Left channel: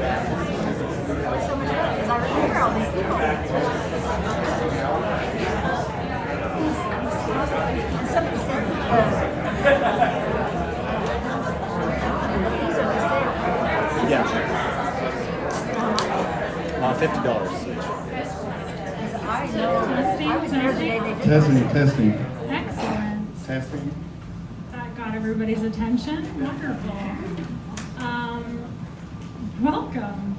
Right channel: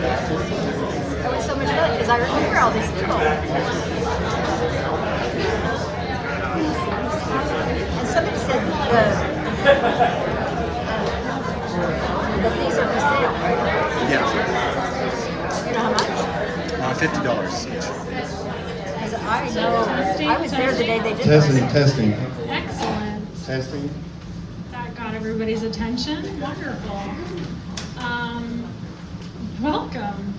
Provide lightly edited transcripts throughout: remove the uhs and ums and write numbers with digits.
was so much fun because I remember all these people. And somebody said these are for sale. Yeah. $50 each. I know. I was there the day they did Testing. Excellent. Testing. That got everybody's attention. Wonderful. Welcome.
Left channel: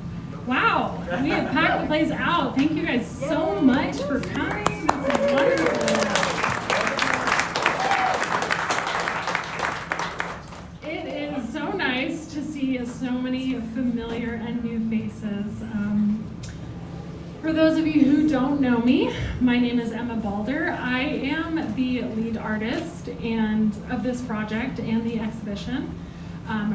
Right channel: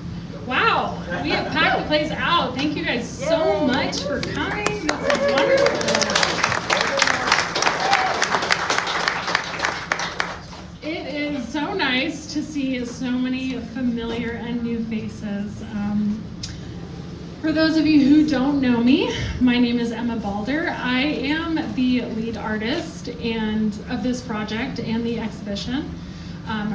Wow, we have packed the place out. Thank you guys so much for coming. This is wonderful. It is so nice to see so many familiar and new faces. For those of you who don't know me, my name is Emma Balder. I am the lead artist of this project and the exhibition,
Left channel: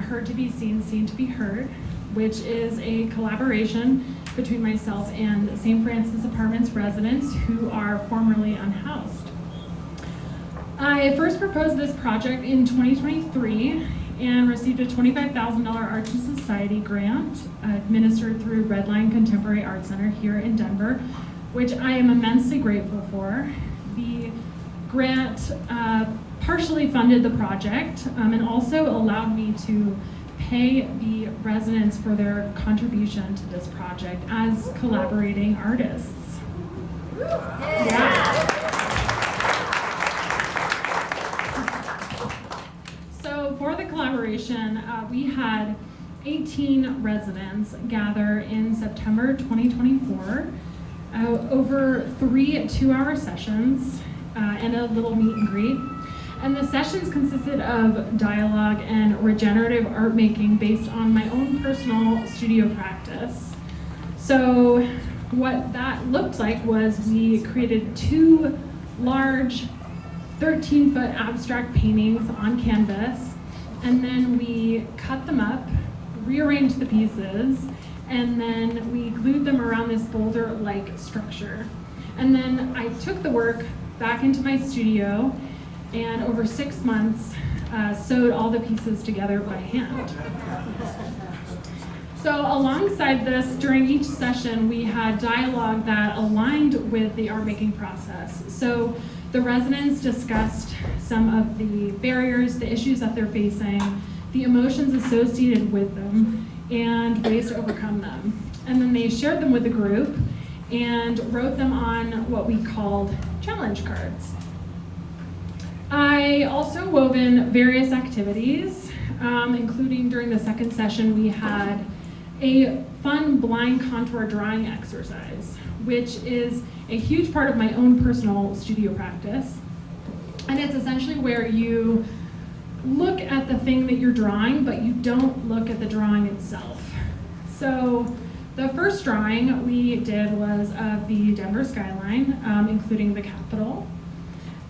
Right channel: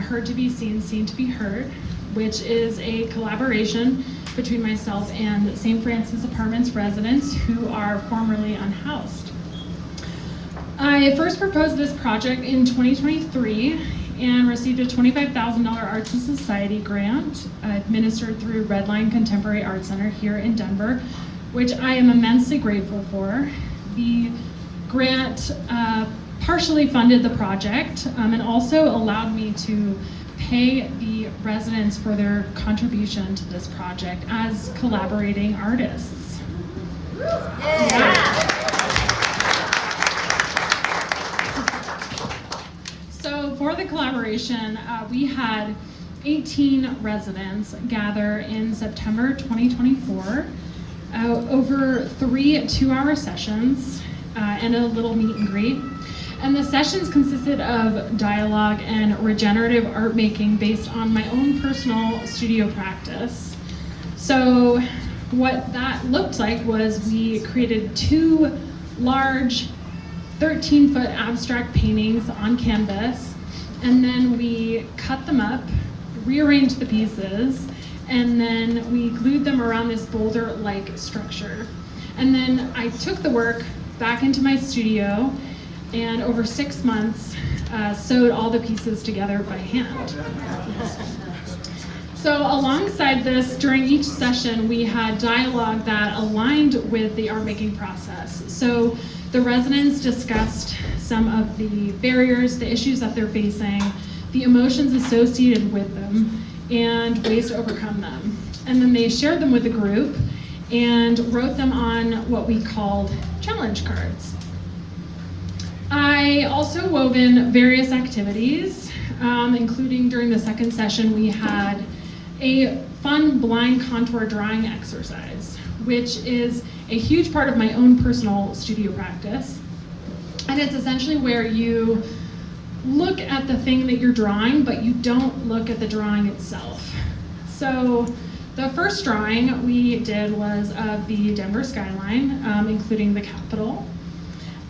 Heard to be Seen, Seen to be Heard, which is a collaboration between myself and St. Francis Apartments residents who are formerly unhoused. I first proposed this project in 2023 and received a $25,000 Arts and Society grant administered through Redline Contemporary Art Center here in Denver, which I am immensely grateful for. The grant partially funded the project and also allowed me to pay the residents for their contribution to this project as collaborating artists. Yeah. So for the collaboration, we had 18 residents gather in September 2024 over 3 2-hour sessions and a little meet and greet. And the sessions consisted of dialogue and regenerative art making based on my own personal studio practice. So what that looked like was we created 2 large 13-foot abstract paintings on canvas, and then we cut them up, rearranged the pieces, and then we glued them around this boulder-like structure. And then I took the work back into my studio and over 6 months sewed all the pieces together by hand. So alongside this, during each session, we had dialogue that aligned with the art making process. So the residents discussed some of the barriers, the issues that they're facing, the emotions associated with them, and ways to overcome them. And then they shared them with the group and wrote them on what we called challenge cards. I also wove in various activities, including during the second session, we had a fun blind contour drawing exercise, which is a huge part of my own personal studio practice. And it's essentially where you look at the thing that you're drawing, but you don't look at the drawing itself. So the first drawing we did was of the Denver skyline, including the Capitol.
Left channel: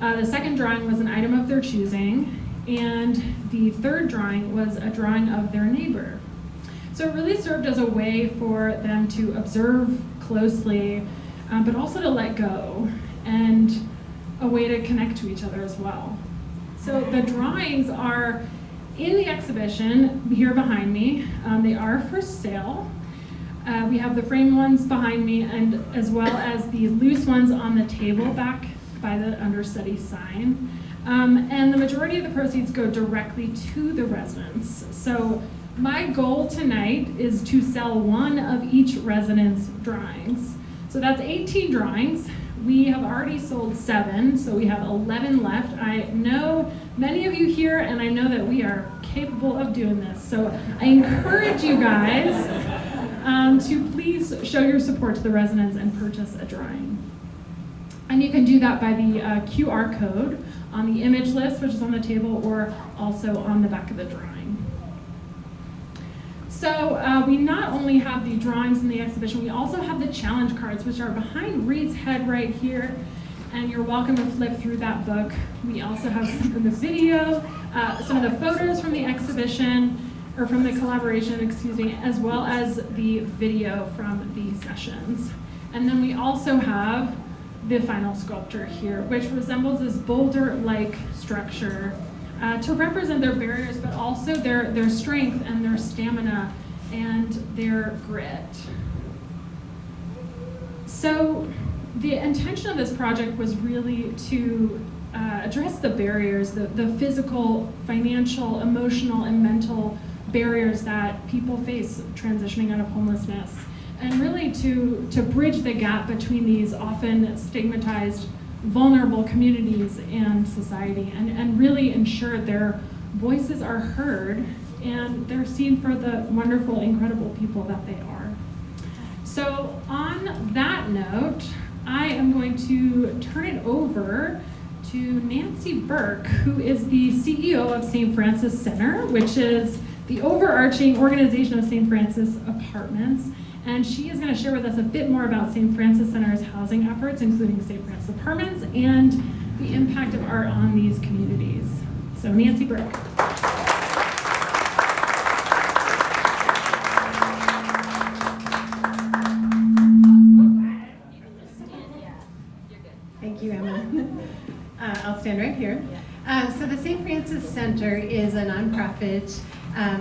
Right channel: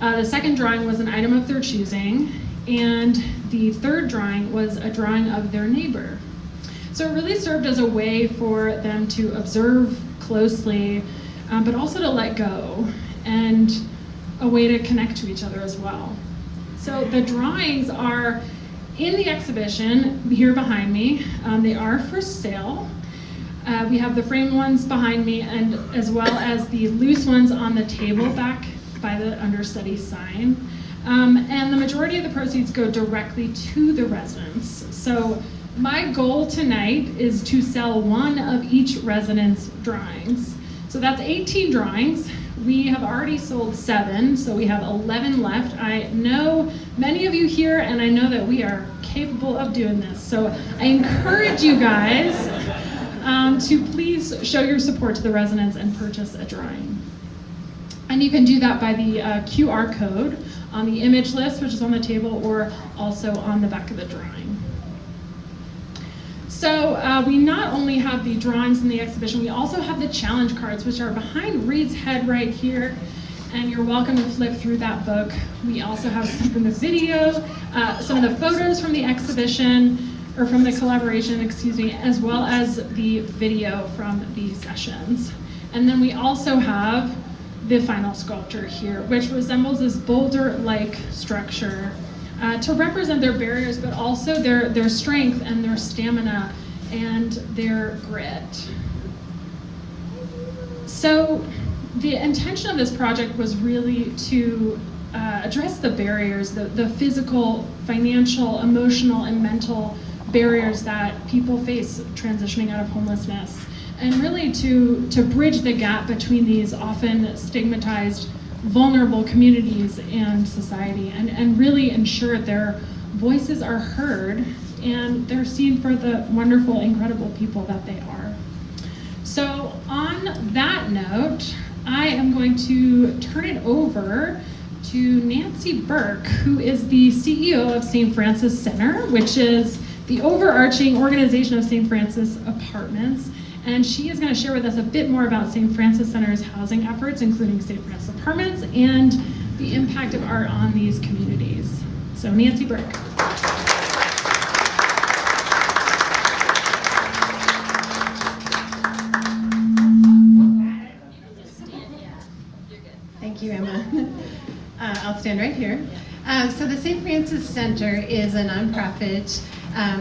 The second drawing was an item of their choosing, and the third drawing was a drawing of their neighbor. So it really served as a way for them to observe closely, but also to let go, and a way to connect to each other as well. So the drawings are in the exhibition here behind me. They are for sale. We have the framed ones behind me, and as well as the loose ones on the table back by the understudy sign. And the majority of the proceeds go directly to the residents. So my goal tonight is to sell 1 of each resident's drawings. So that's 18 drawings. We have already sold 7, so we have 11 left. I know many of you here, and I know that we are capable of doing this. So I encourage you guys to please show your support to the residents and purchase a drawing. And you can do that by the QR code on the image list, which is on the table, or also on the back of the drawing. So we not only have the drawings in the exhibition, we also have the challenge cards, which are behind Reed's head right here, and you're welcome to flip through that book. We also have some from the video, some of the photos from the exhibition, or from the collaboration, excuse me, as well as the video from the sessions. And then we also have the final sculpture here, which resembles this boulder-like structure to represent their barriers, but also their strength and their stamina and their grit. So the intention of this project was really to address the barriers, the physical, financial, emotional, and mental barriers that people face transitioning out of homelessness, and really to bridge the gap between these often stigmatized, vulnerable communities and society, and really ensure their voices are heard and they're seen for the wonderful, incredible people that they are. So on that note, I am going to turn it over to Nancy Burke, who is the CEO of St. Francis Center, which is the overarching organization of St. Francis Apartments. And she is going to share with us a bit more about St. Francis Center's housing efforts, including St. Francis Apartments, and the impact of art on these communities. So Nancy Burke. Thank you, Emma. I'll stand right here. So the St. Francis Center is a nonprofit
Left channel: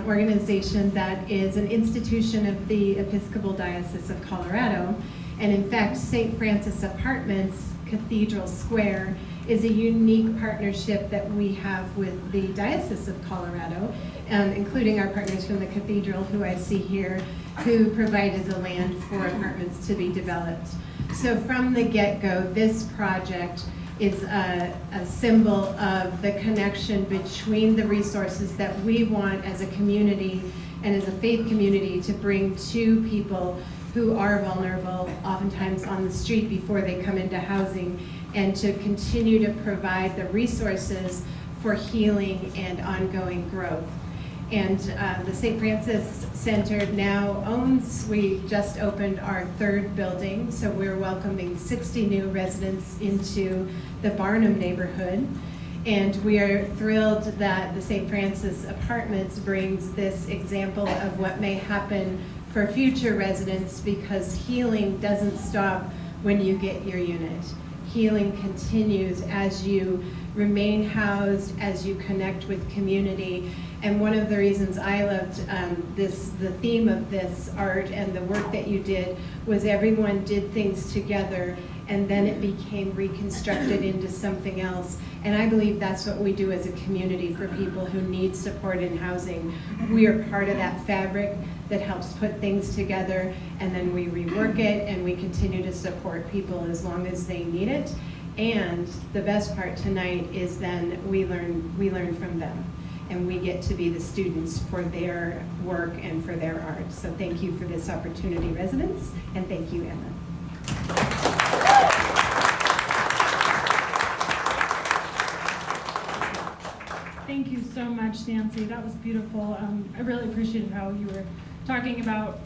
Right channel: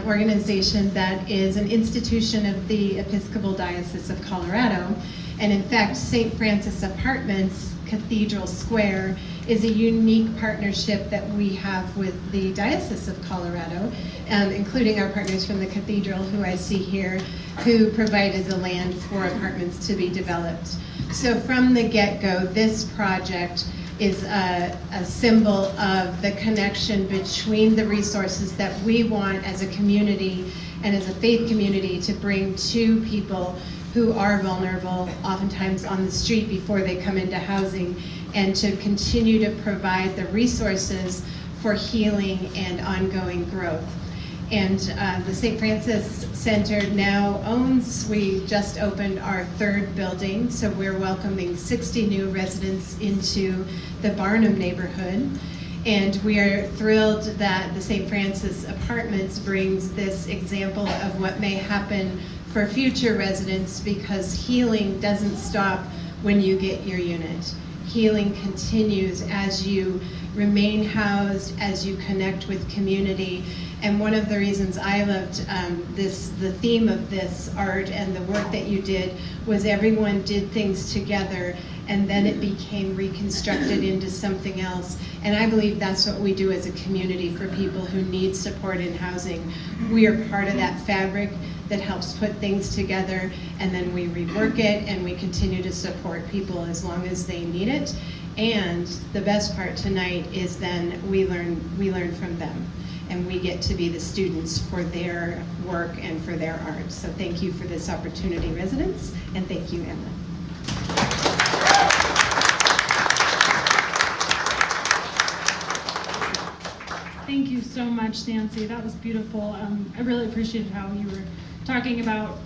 organization that is an institution of the Episcopal Diocese of Colorado. And in fact, St. Francis Apartments, Cathedral Square, is a unique partnership that we have with the Diocese of Colorado, including our partners from the Cathedral, who I see here, who provided the land for apartments to be developed. So from the get-go, this project is a symbol of the connection between the resources that we want as a community and as a faith community to bring to people who are vulnerable, oftentimes on the street before they come into housing, and to continue to provide the resources for healing and ongoing growth. And the St. Francis Center now we just opened our third building, so we're welcoming 60 new residents into the Barnum neighborhood. And we are thrilled that the St. Francis Apartments brings this example of what may happen for future residents, because healing doesn't stop when you get your unit. Healing continues as you remain housed, as you connect with community. And one of the reasons I loved the theme of this art and the work that you did was everyone did things together, and then it became reconstructed into something else. And I believe that's what we do as a community for people who need support in housing. We are part of that fabric that helps put things together, and then we rework it and we continue to support people as long as they need it. And the best part tonight is then we learn from them, and we get to be the students for their work and for their art. So thank you for this opportunity, residents, and thank you, Emma. Thank you so much, Nancy. That was beautiful. I really appreciated how you were talking about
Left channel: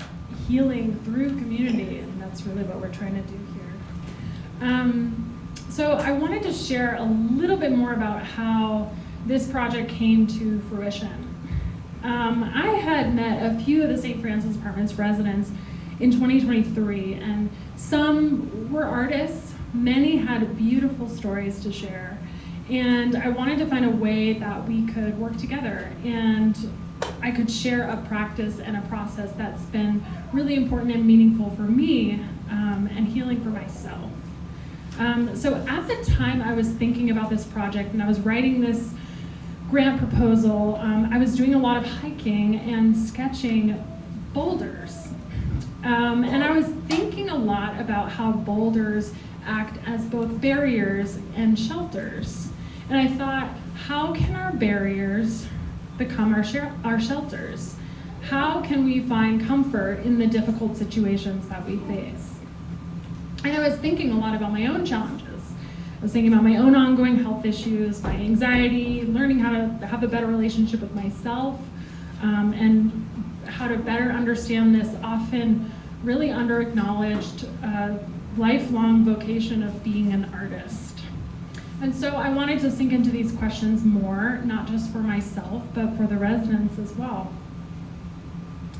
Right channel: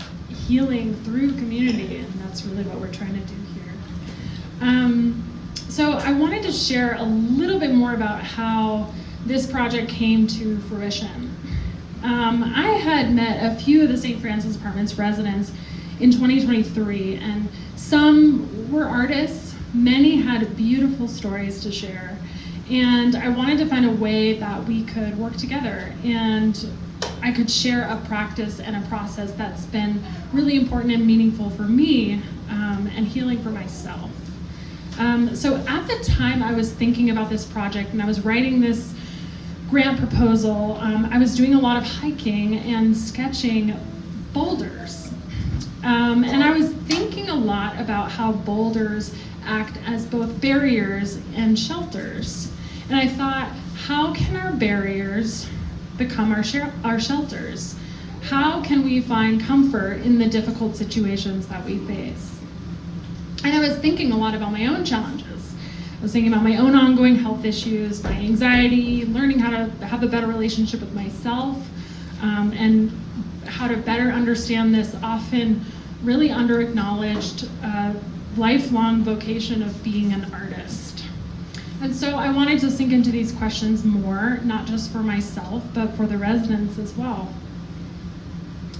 healing through community, and that's really what we're trying to do here. So I wanted to share a little bit more about how this project came to fruition. I had met a few of the St. Francis Apartments residents in 2023, and some were artists, many had beautiful stories to share, and I wanted to find a way that we could work together and I could share a practice and a process that's been really important and meaningful for me, and healing for myself. So at the time I was thinking about this project and I was writing this grant proposal, I was doing a lot of hiking and sketching boulders. And I was thinking a lot about how boulders act as both barriers and shelters. And I thought, how can our barriers become our shelters? How can we find comfort in the difficult situations that we face? And I was thinking a lot about my own challenges. I was thinking about my own ongoing health issues, my anxiety, learning how to have a better relationship with myself, and how to better understand this often really under-acknowledged lifelong vocation of being an artist. And so I wanted to sink into these questions more, not just for myself, but for the residents as well.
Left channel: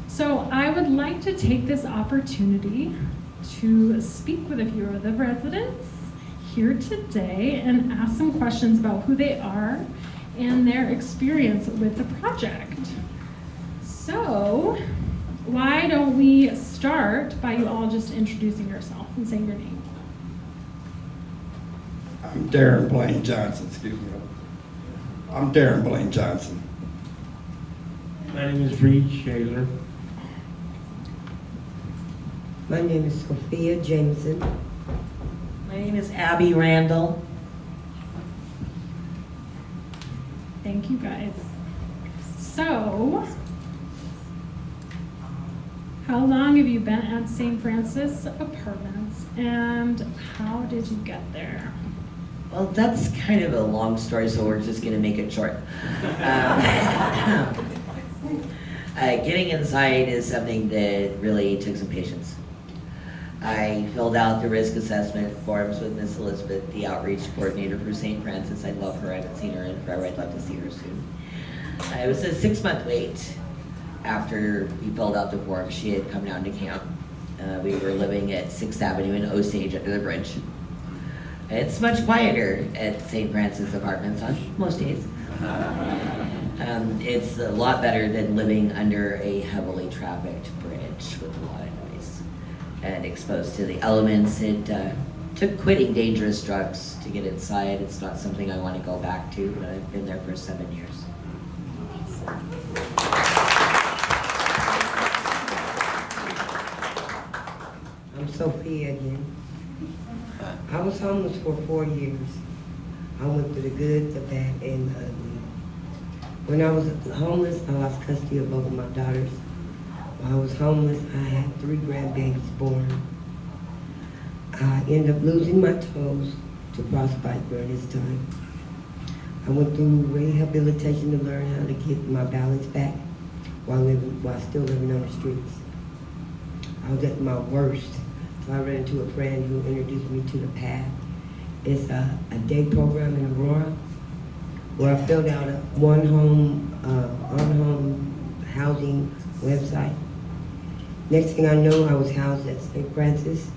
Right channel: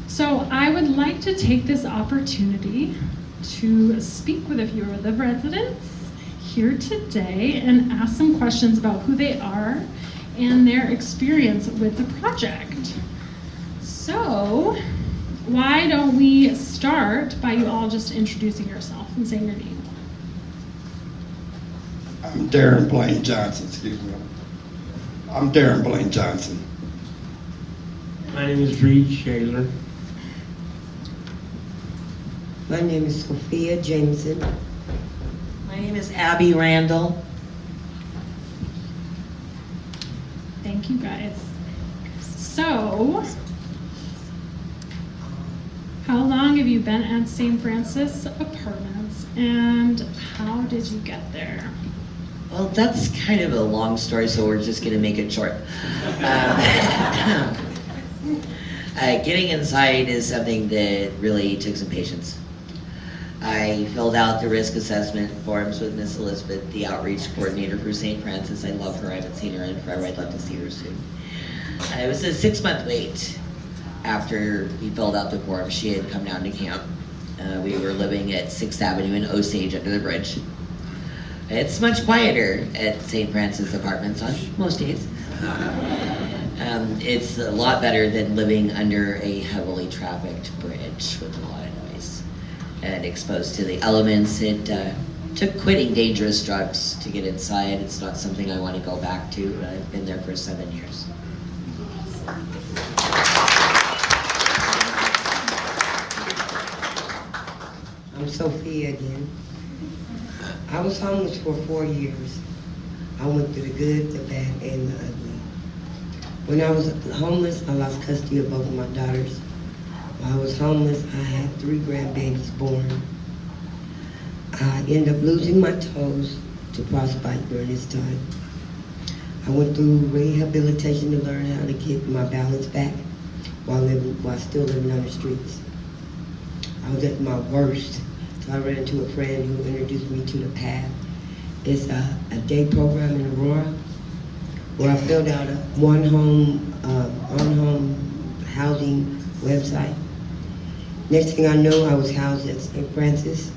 So I would like to take this opportunity to speak with a few of the residents here today and ask some questions about who they are and their experience with the project. So, why don't we start by you all just introducing yourself and saying your name. I'm Darren Blaine Johnson, excuse me. I'm Darren Blaine Johnson. My name is Reed Shaler. My name is Sophia Jameson. My name is Abby Randall. Thank you guys. So, how long have you been at St. Francis Apartments and how did you get there? Well, that's kind of a long story, so we're just going to make it short. Getting inside is something that really took some patience. I filled out the risk assessment forms with Miss Elizabeth, the outreach coordinator for St. Francis. I love her. I haven't seen her in forever. I'd love to see her soon. It was a 6-month wait after we filled out the form. She had come down to camp. We were living at 6th Avenue in Osage under the bridge. It's much quieter at St. Francis Apartments on most days. It's a lot better than living under a heavily trafficked bridge with a lot of noise and exposed to the elements. It took quitting dangerous drugs to get inside. It's not something I want to go back to. I've been there for 7 years. I'm Sophia again. I was homeless for 4 years. I went through the good, the bad, and the ugly. When I was homeless, I lost custody of both of my daughters. While I was homeless, I had 3 grandbabies born. I ended up losing my toes to frostbite during this time. I went through rehabilitation to learn how to get my balance back while still living on the streets. I was at my worst, so I ran into a friend who introduced me to the path. It's a day program in Aurora where I filled out a unhoused housing website. Next thing I know, I was housed at St. Francis,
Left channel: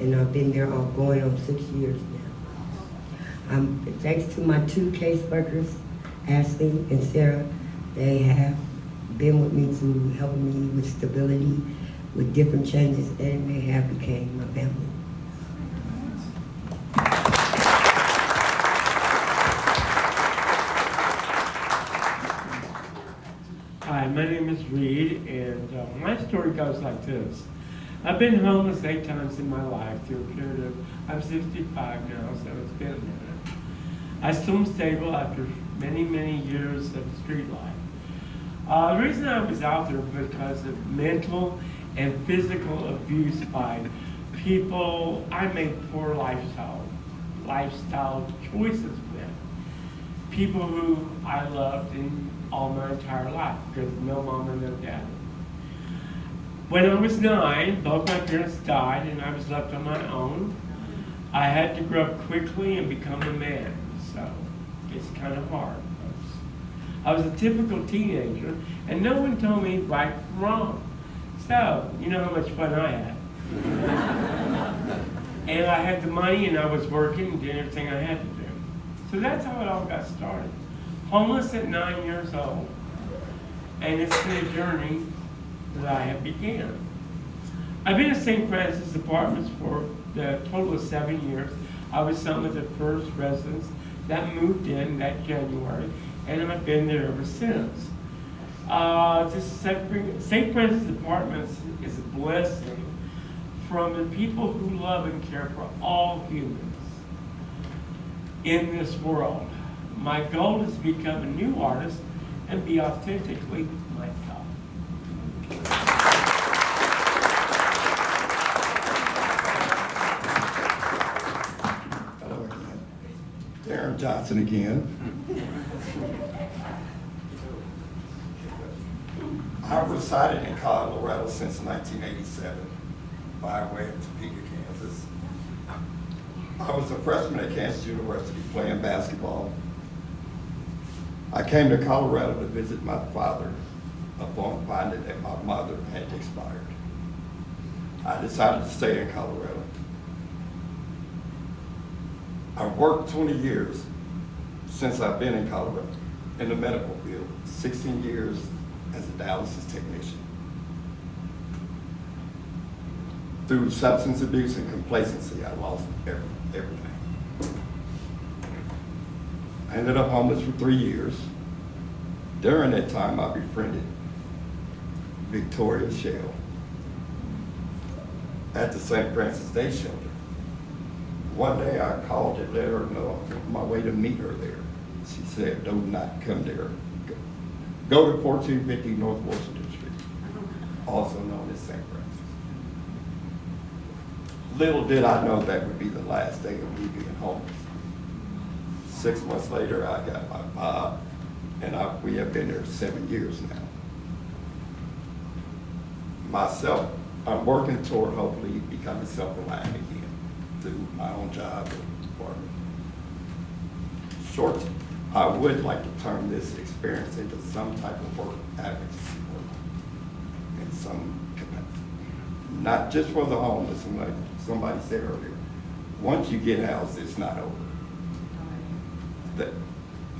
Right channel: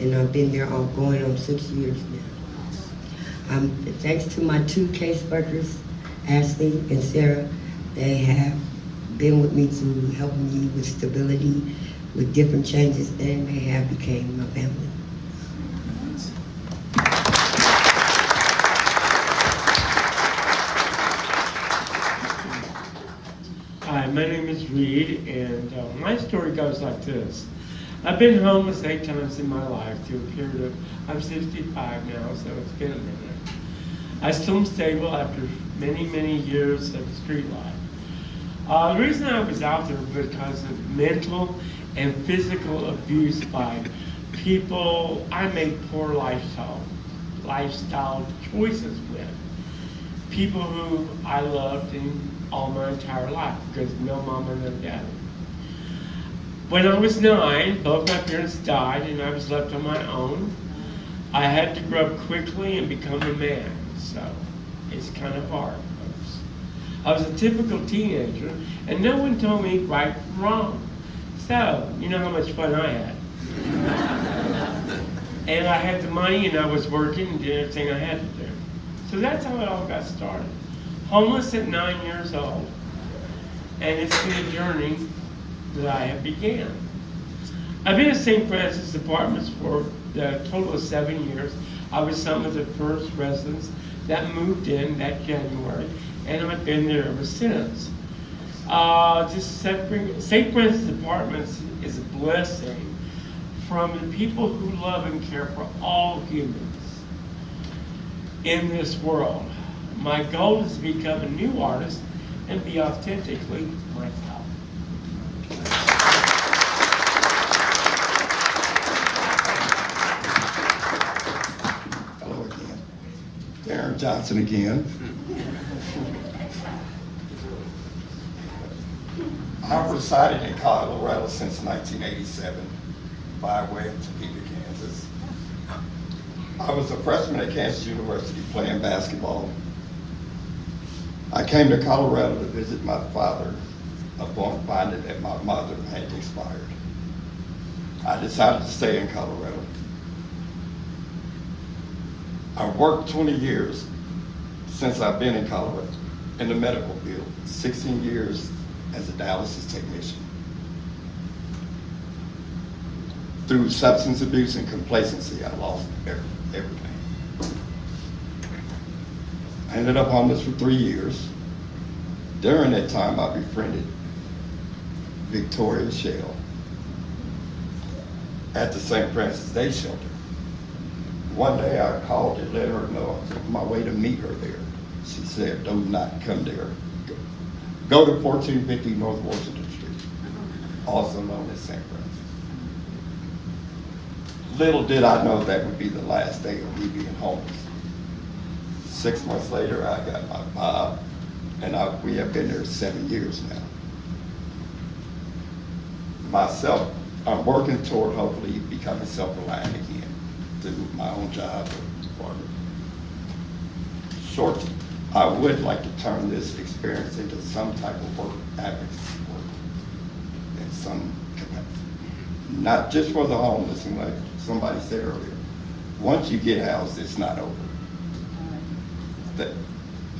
and I've been there all going on 6 years now. Thanks to my 2 caseworkers, Ashley and Sarah, they have been with me through helping me with stability, with different changes, and they have become my family. Hi, my name is Reed, and my story goes like this. I've been homeless 8 times in my life through a period of, I'm 65 now, so it's been a minute. I still am stable after many, many years of street life. The reason I was out there was because of mental and physical abuse by people I made poor lifestyle choices with. People who I loved in all my entire life because no mom and no dad. When I was 9, both my parents died and I was left on my own. I had to grow up quickly and become a man, so it's kind of hard, folks. I was a typical teenager and no one told me right from wrong. So, you know how much fun I had. And I had the money and I was working and did everything I had to do. So that's how it all got started. Homeless at 9 years old. And it's been a journey that I have began. I've been at St. Francis Apartments for a total of 7 years. I was some of the first residents that moved in that January, and I've been there ever since. St. Francis Apartments is a blessing from the people who love and care for all humans in this world. My goal is to become a new artist and be authentically myself. Hello again. Darren Johnson again. I've resided in Colorado since 1987 by way of Topeka, Kansas. I was a freshman at Kansas University playing basketball. I came to Colorado to visit my father upon finding that my mother had expired. I decided to stay in Colorado. I've worked 20 years since I've been in Colorado in the medical field, 16 years as a dialysis technician. through substance abuse and complacency, I lost everything. I ended up homeless for 3 years. During that time, I befriended Victoria Shell at the St. Francis Day Shelter. One day I called to let her know I was on my way to meet her there. She said, "Do not come there. Go to 1450 North Washington Street," also known as St. Francis. Little did I know that would be the last day of me being homeless. 6 months later, I got my Bob, and we have been there 7 years now. Myself, I'm working toward hopefully becoming self-reliant again through my own job or short. I would like to turn this experience into some type of work advocacy work in some capacity. Not just for the homeless, and like somebody said earlier, once you get housed, it's not over. That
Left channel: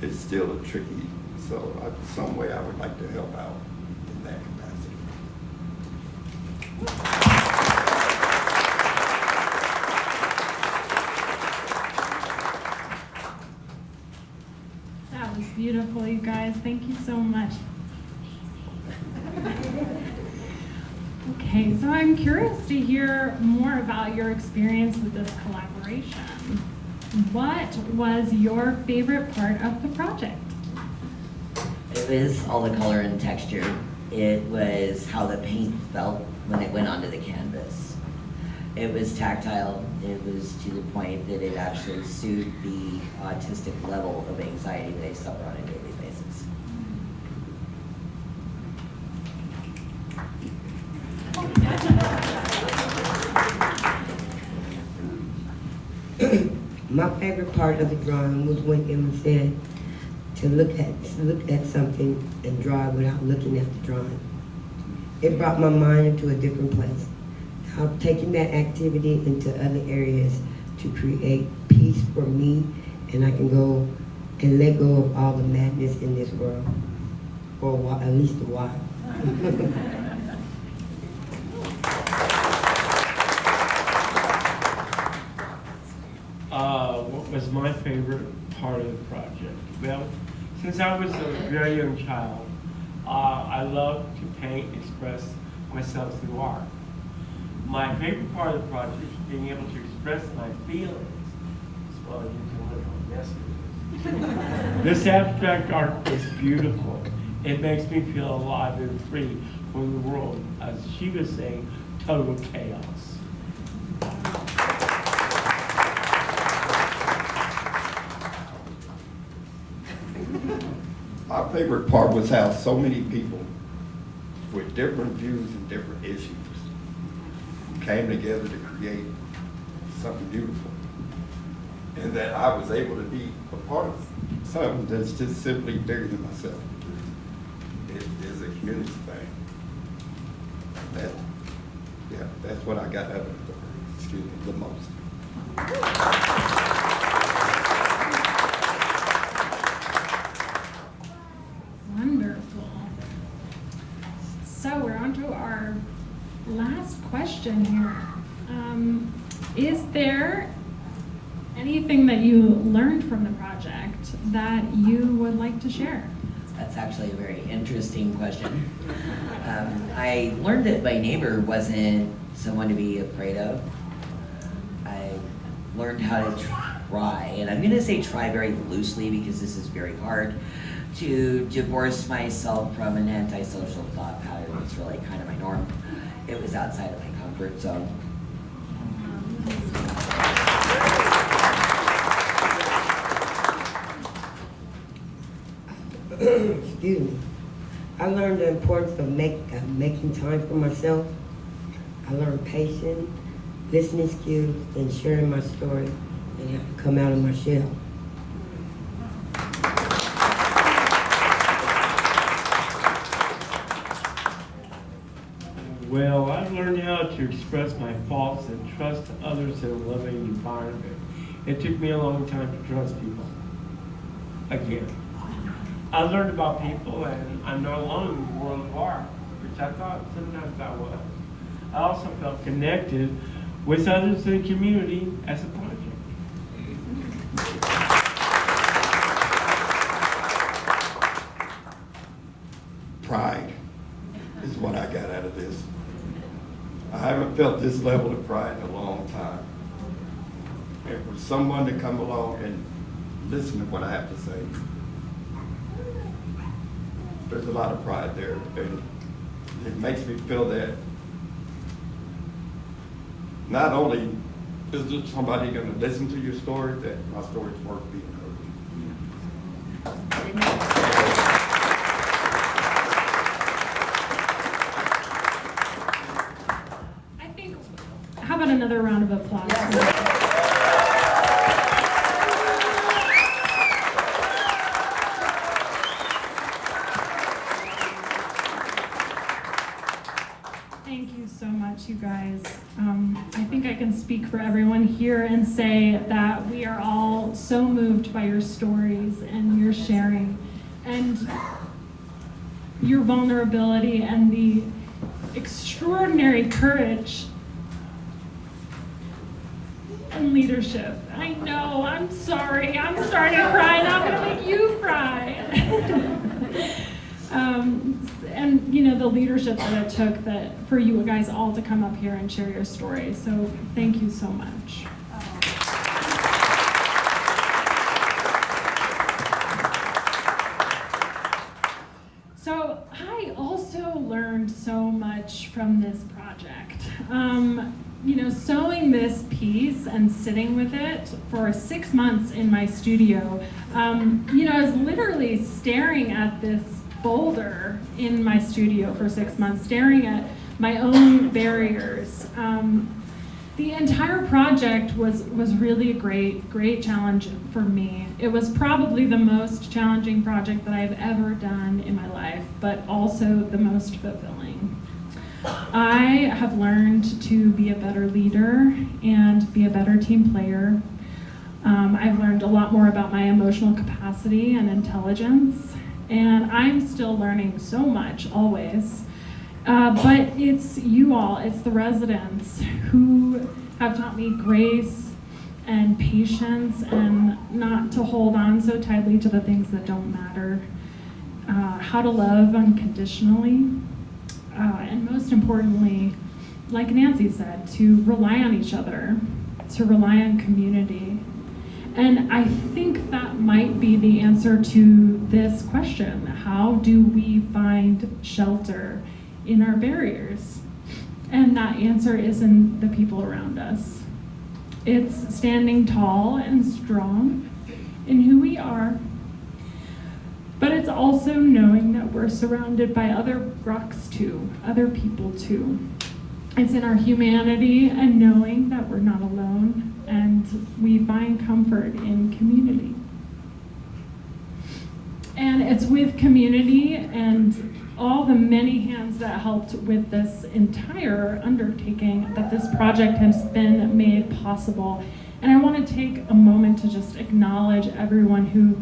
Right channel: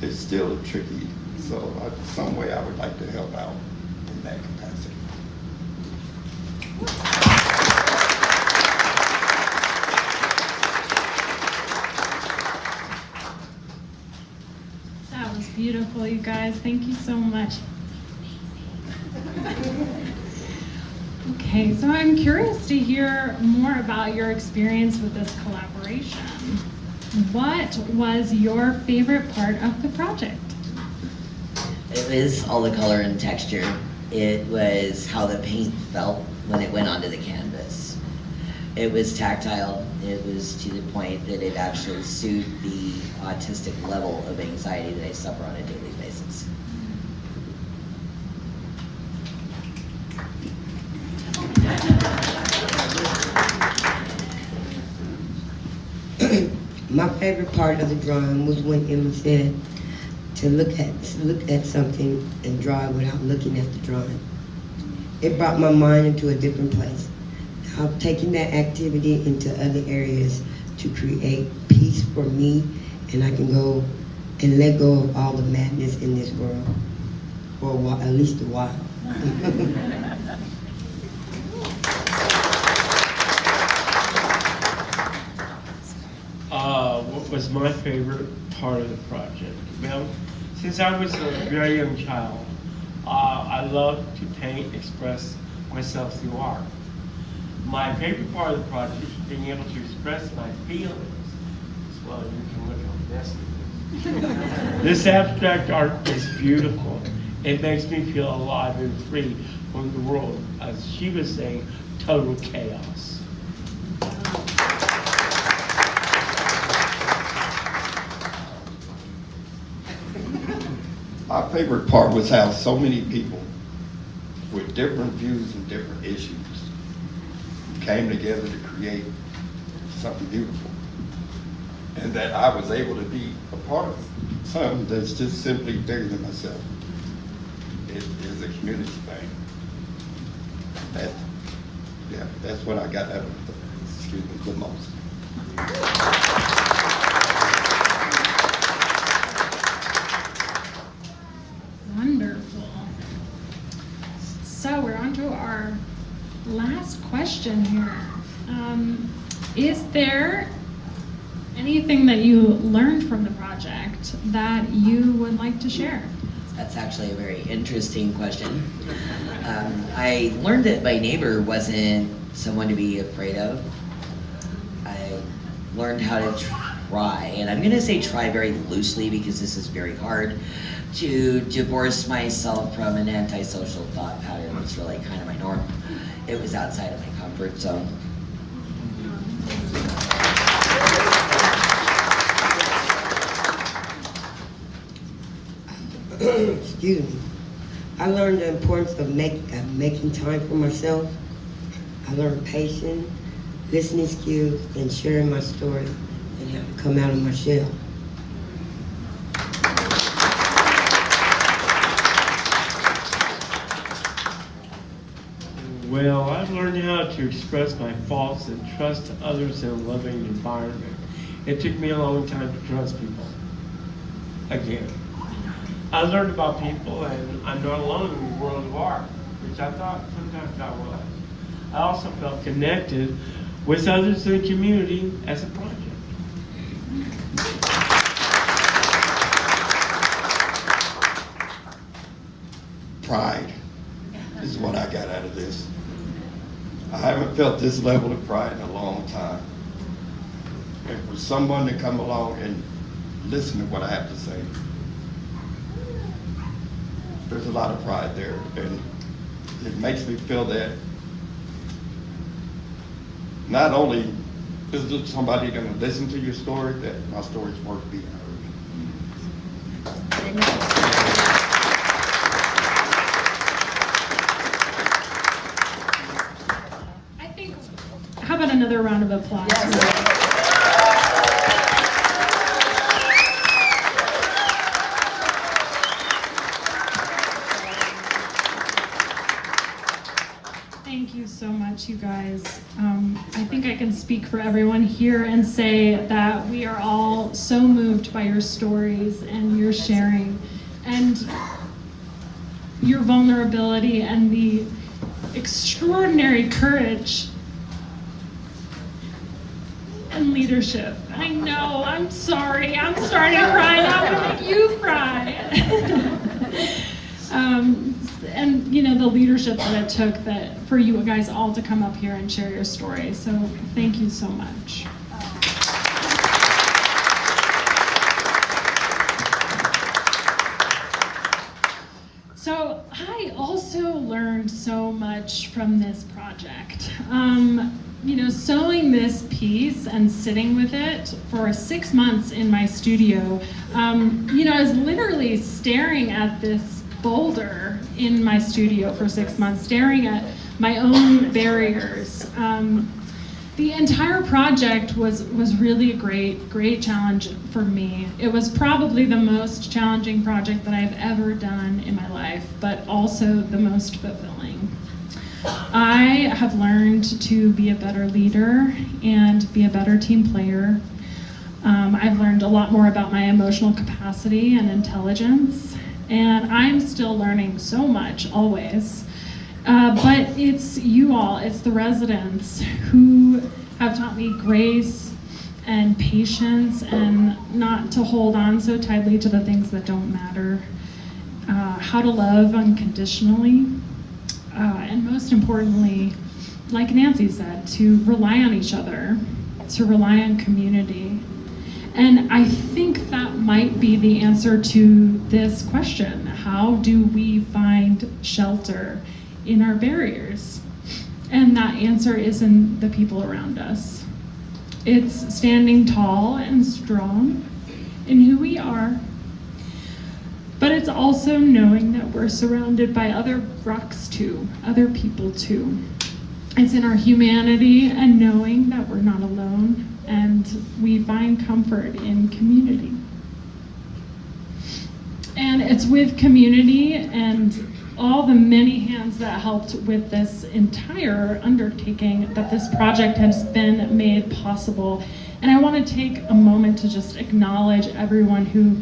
it's still tricky. So some way I would like to help out in that capacity. That was beautiful, you guys. Thank you so much. Okay, so I'm curious to hear more about your experience with this collaboration. What was your favorite part of the project? It was all the color and texture. It was how the paint felt when it went onto the canvas. It was tactile. It was to the point that it actually soothed the autistic level of anxiety that I suffer on a daily basis. My favorite part of the drawing was when Emma said to look at something and draw it without looking at the drawing. It brought my mind into a different place. I've taken that activity into other areas to create peace for me, and I can go and let go of all the madness in this world for a while, at least a while. What was my favorite part of the project? Well, since I was a very young child, I loved to paint, express myself through art. My favorite part of the project is being able to express my feelings. Well, you can look at this. This abstract art is beautiful. It makes me feel alive and free from the world, as she was saying, total chaos. My favorite part was how so many people with different views and different issues came together to create something beautiful. And that I was able to be a part of something that's just simply bigger than myself. It is a community thing. That's what I got out of the most. Wonderful. So we're on to our last question here. Is there anything that you learned from the project that you would like to share? That's actually a very interesting question. I learned that my neighbor wasn't someone to be afraid of. I learned how to try, and I'm going to say try very loosely because this is very hard, to divorce myself from an antisocial thought pattern. It's really kind of my norm. It was outside of my comfort zone. Excuse me. I learned the importance of making time for myself. I learned patience, listening skills, and sharing my story and how to come out of my shell. Well, I've learned how to express my faults and trust others in a loving environment. It took me a long time to trust people. Again. I learned about people, and I'm not alone in the world of art, which I thought sometimes I was. I also felt connected with others in the community as a project. Pride is what I got out of this. I haven't felt this level of pride in a long time. And for someone to come along and listen to what I have to say, there's a lot of pride there, and it makes me feel that not only is there somebody gonna listen to your story, that my story's worth being heard. How about another round of applause? Thank you so much, you guys. I think I can speak for everyone here and say that we are all so moved by your stories and your sharing and your vulnerability and the extraordinary courage and leadership. I know, I'm sorry. I'm starting to cry now. I'm gonna make you cry. And you know, the leadership that it took for you guys all to come up here and share your story. So thank you so much. So I also learned so much from this project. You know, sewing this piece and sitting with it for 6 months in my studio, you know, I was literally staring at this boulder in my studio for 6 months, staring at my own barriers. The entire project was really a great challenge for me. It was probably the most challenging project that I've ever done in my life, but also the most fulfilling. I have learned to be a better leader and be a better team player. I've learned a lot more about my emotional capacity and intelligence, and I'm still learning so much always. But it's you all, it's the residents who have taught me grace and patience and not to hold on so tightly to the things that don't matter, how to love unconditionally, and most importantly, like Nancy said, to rely on each other, to rely on community. And I think that might be the answer to this question. How do we find shelter in our barriers? And that answer is in the people around us. It's standing tall and strong in who we are, but it's also knowing that we're surrounded by other rocks too, other people too. It's in our humanity and knowing that we're not alone, and we find comfort in community. And it's with community and all the many hands that helped with this entire undertaking that this project has been made possible. And I want to take a moment to just acknowledge everyone who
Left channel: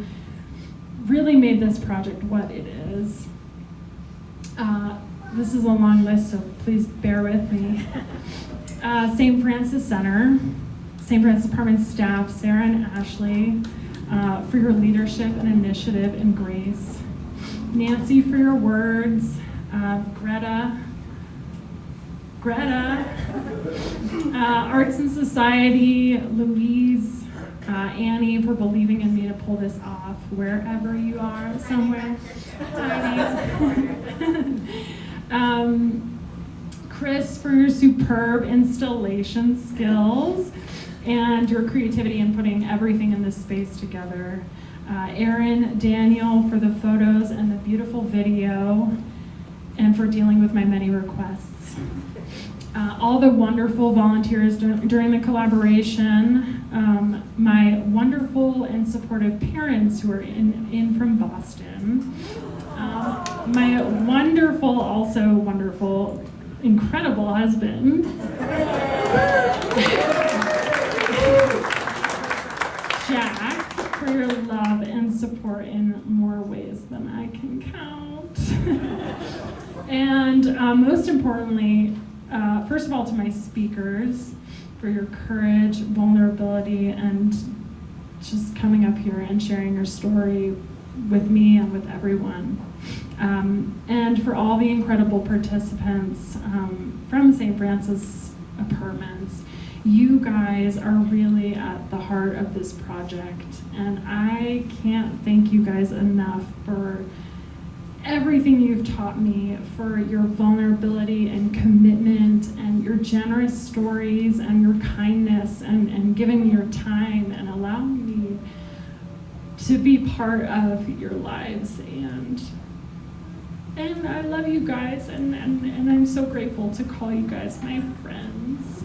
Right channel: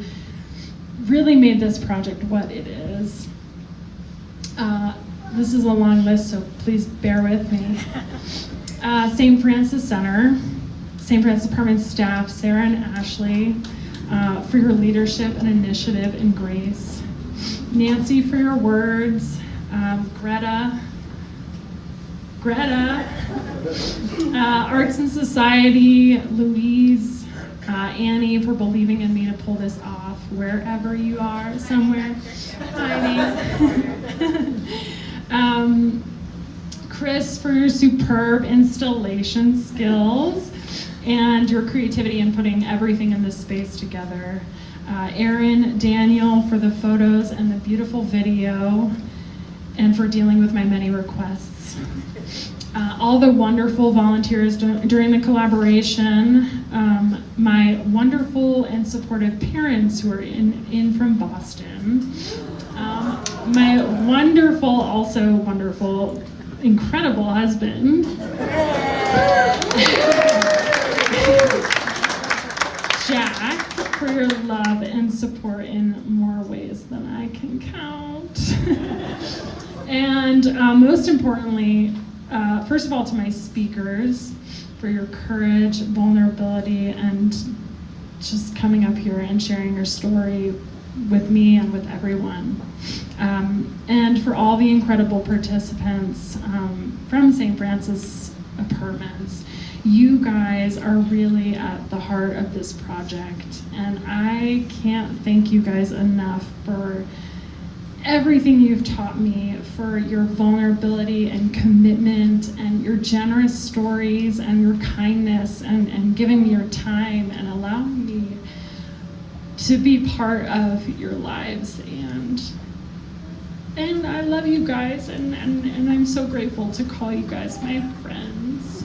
really made this project what it is. This is a long list, so please bear with me. St. Francis Center, St. Francis Department staff, Sarah and Ashley, for your leadership and initiative and grace. Nancy for your words, Greta, Arts and Society, Louise, Annie for believing in me to pull this off wherever you are, somewhere hiding. Chris for your superb installation skills and your creativity in putting everything in this space together. Erin, Daniel for the photos and the beautiful video, and for dealing with my many requests. All the wonderful volunteers during the collaboration, my wonderful and supportive parents who are in from Boston, my also wonderful, incredible husband, Jack, for your love and support in more ways than I can count. And most importantly, first of all, to my speakers for your courage, vulnerability, and just coming up here and sharing your story with me and with everyone. And for all the incredible participants from St. Francis Apartments. You guys are really at the heart of this project, and I can't thank you guys enough for everything you've taught me, for your vulnerability and commitment and your generous stories and your kindness and giving me your time and allowing me to be part of your lives. And I love you guys, and I'm so grateful to call you guys my friends.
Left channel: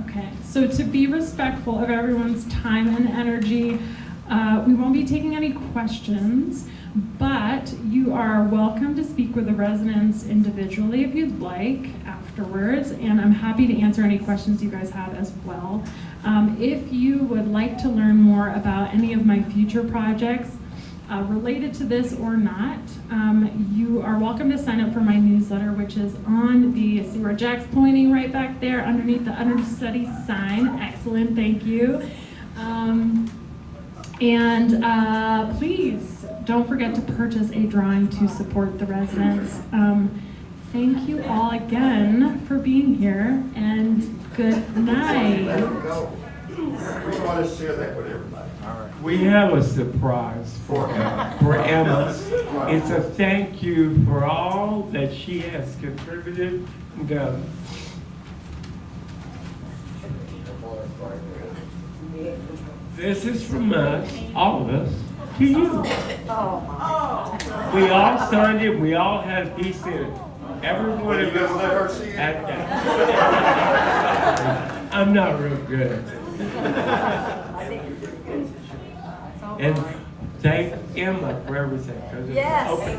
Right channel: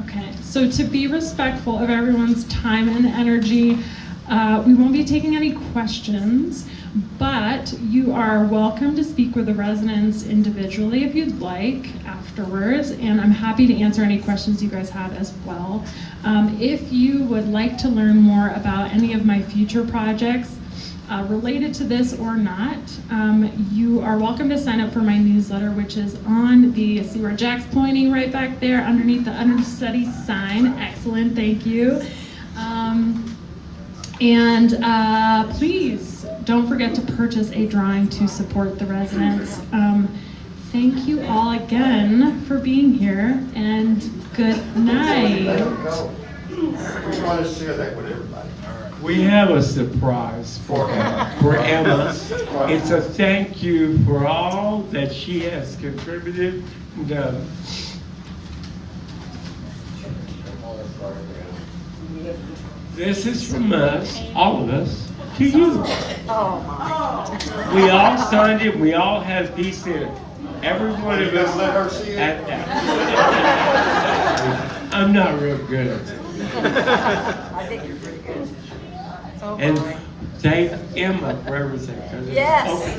Okay, so to be respectful of everyone's time and energy, we won't be taking any questions, but you are welcome to speak with the residents individually if you'd like afterwards, and I'm happy to answer any questions you guys have as well. If you would like to learn more about any of my future projects related to this or not, you are welcome to sign up for my newsletter, which is on the, see where Jack's pointing right back there underneath the understudy sign. Excellent, thank you. Please don't forget to purchase a drawing to support the residents. Thank you all again for being here, and good night. There we go. We want to share that with everybody. We have a surprise for Emma. It's a thank you for all that she has contributed and done. This is from us, all of us, to you. We all signed it, we all have decent, every one of us at that. I'm not real good. And thank Emma for everything. 'Cause it's okay.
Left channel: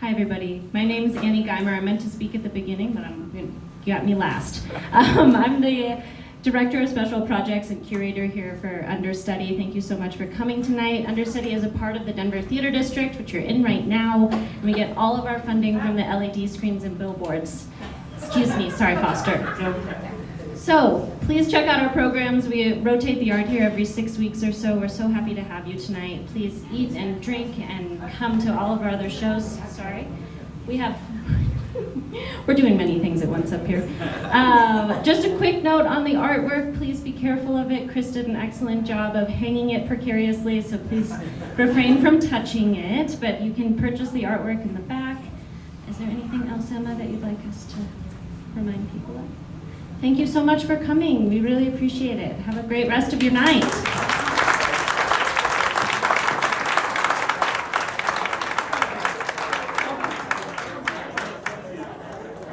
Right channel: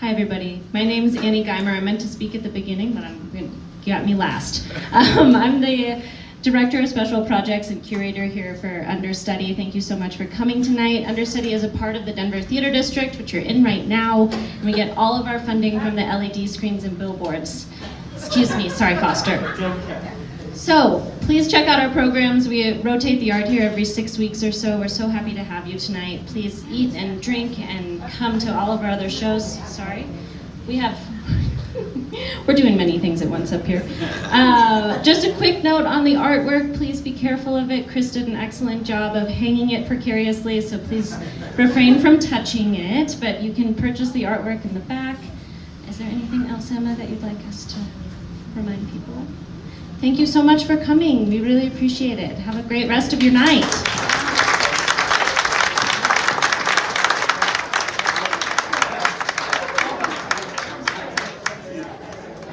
Hi everybody, my name is Annie Geimer. I meant to speak at the beginning, but you got me last. I'm the Director of Special Projects and Curator here for Understudy. Thank you so much for coming tonight. Understudy is a part of the Denver Theater District, which you're in right now, and we get all of our funding from the LED screens and billboards. Excuse me, sorry Foster. So, please check out our programs. We rotate the art here every 6 weeks or so. We're so happy to have you tonight. Please eat and drink and come to all of our other shows. Sorry. We're doing many things at once up here. Just a quick note on the artwork. Please be careful of it. Chris did an excellent job of hanging it precariously, so please refrain from touching it. But you can purchase the artwork in the back. Is there anything else, Emma, that you'd like us to remind people? Thank you so much for coming. We really appreciate it. Have a great rest of your night.